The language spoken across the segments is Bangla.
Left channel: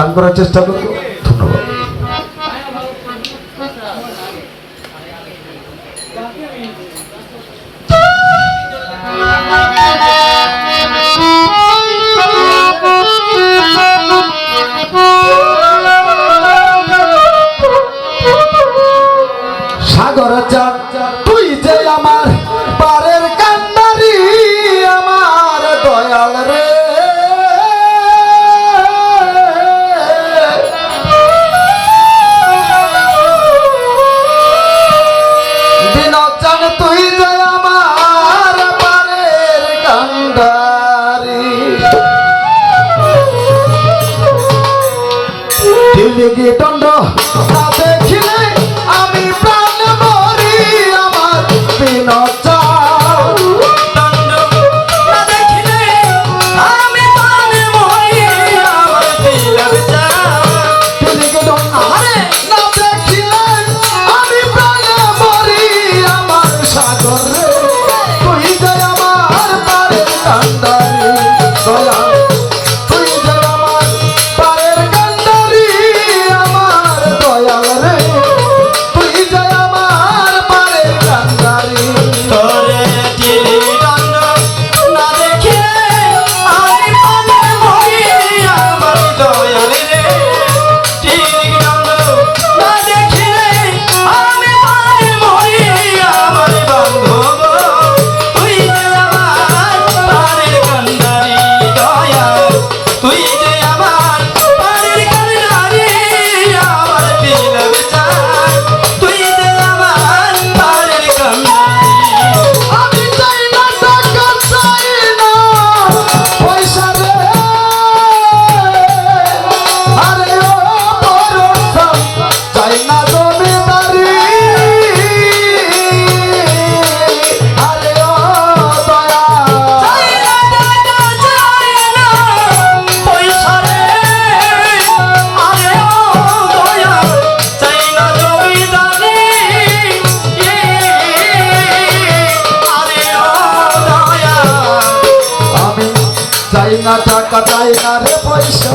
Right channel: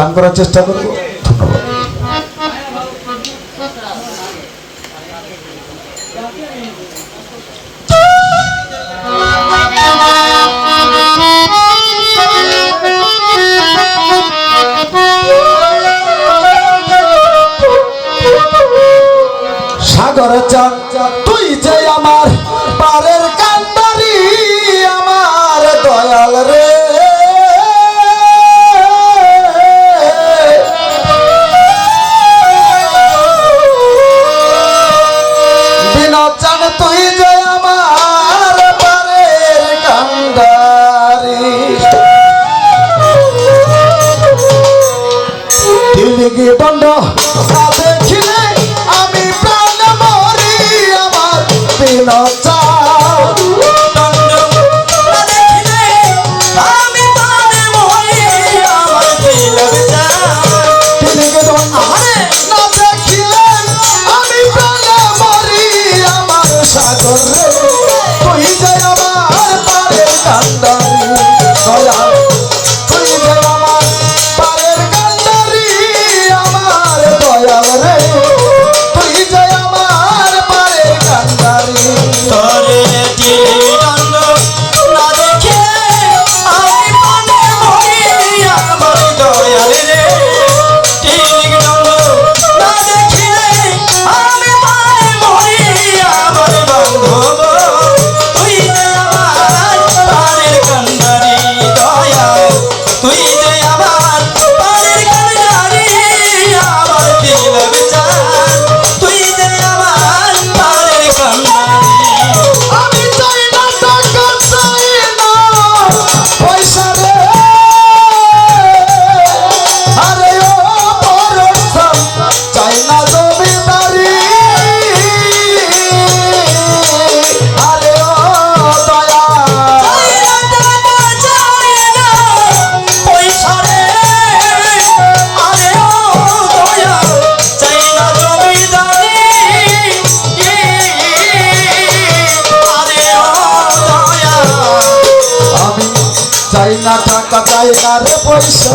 গান করার চেষ্টা করব। না টাকা দেয় না রে পয়সা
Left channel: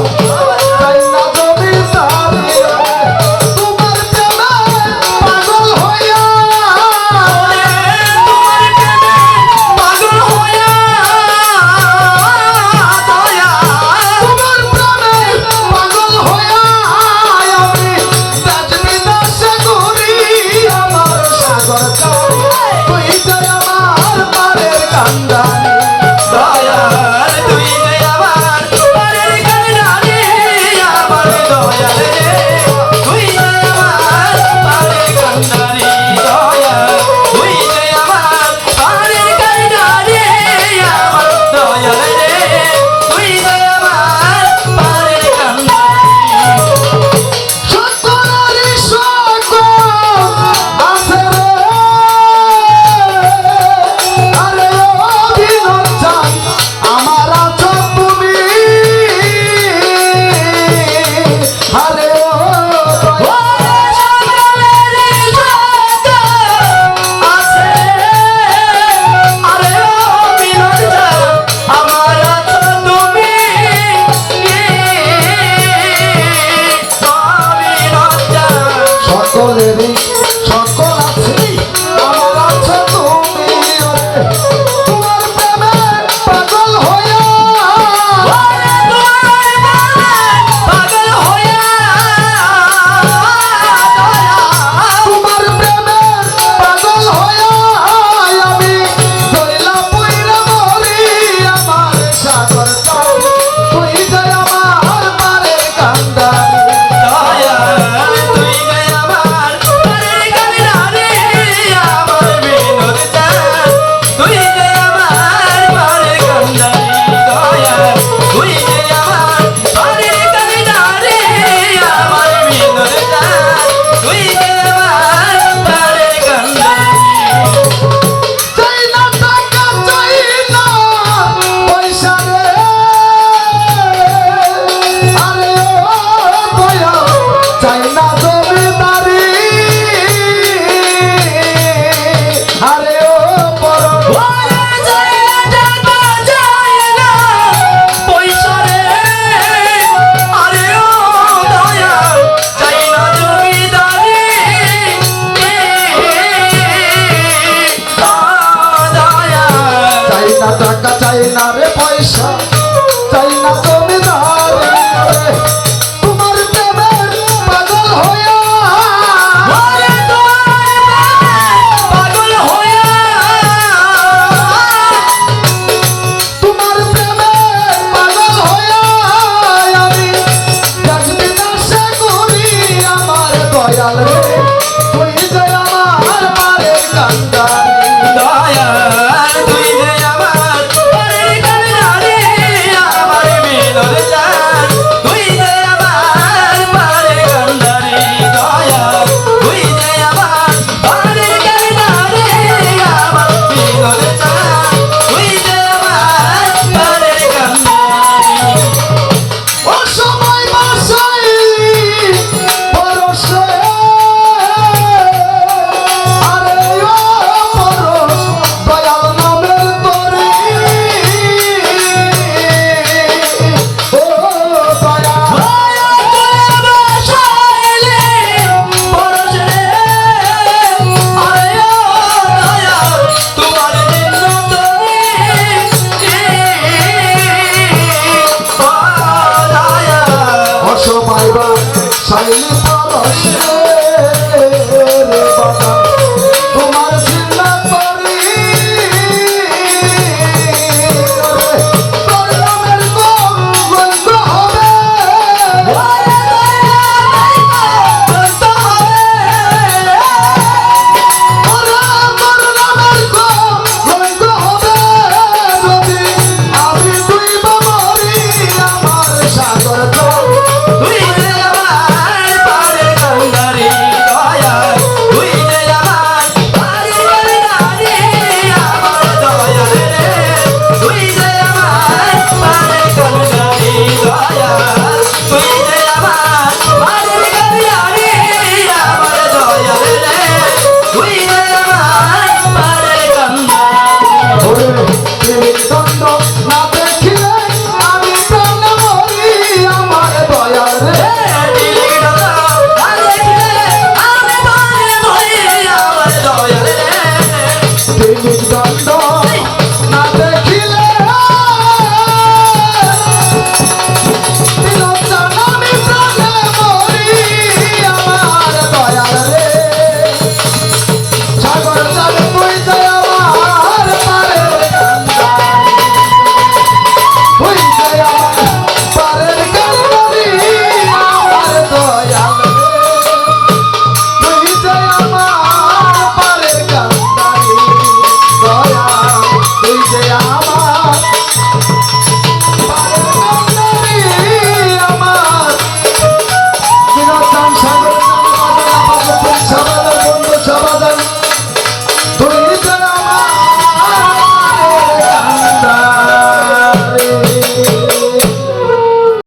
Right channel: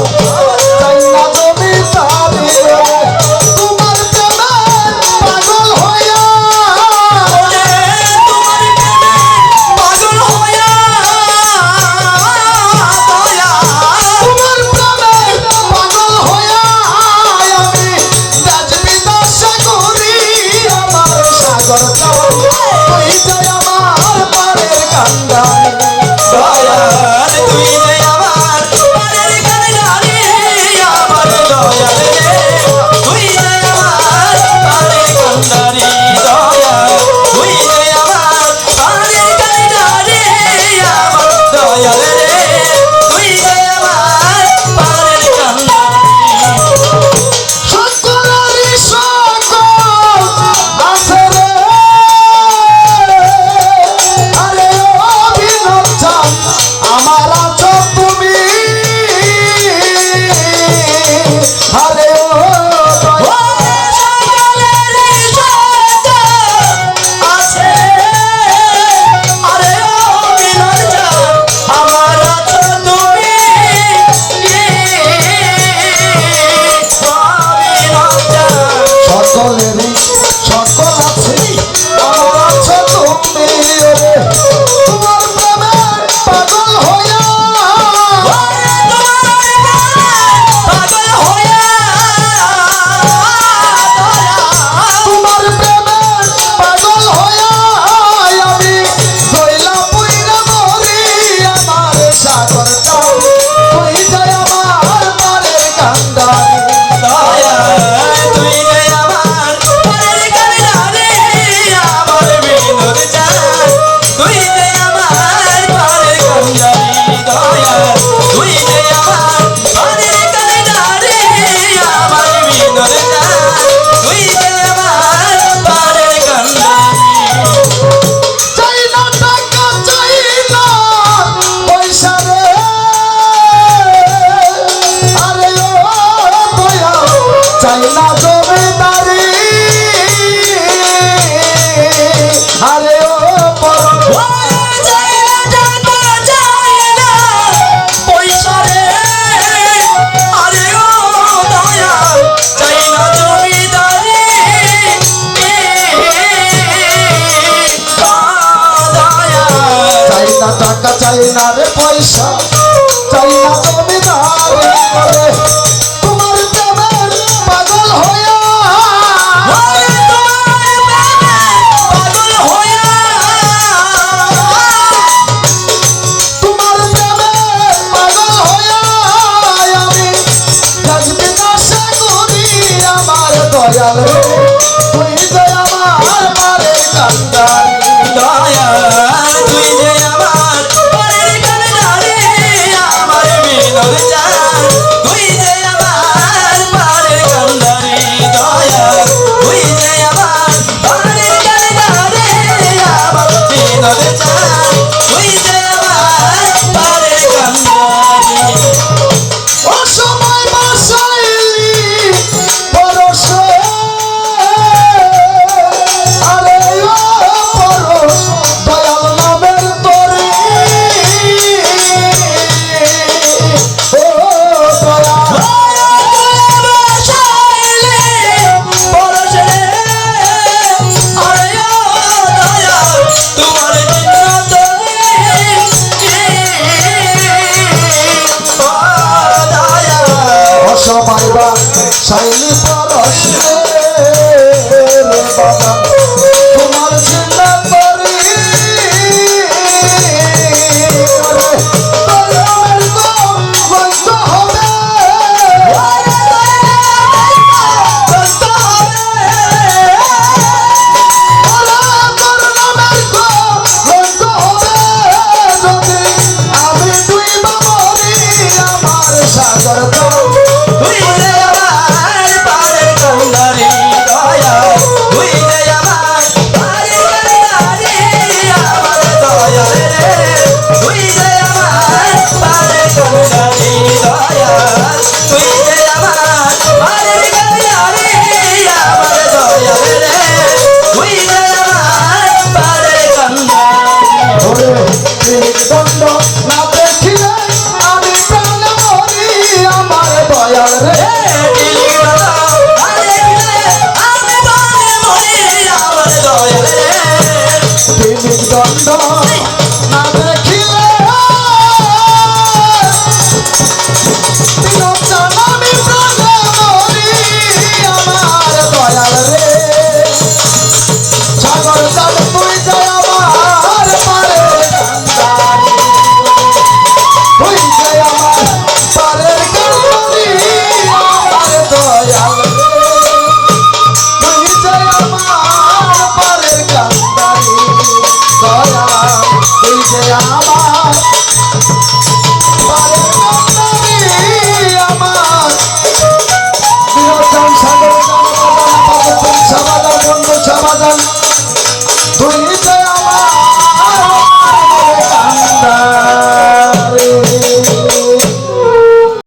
আমার মারে কান্দার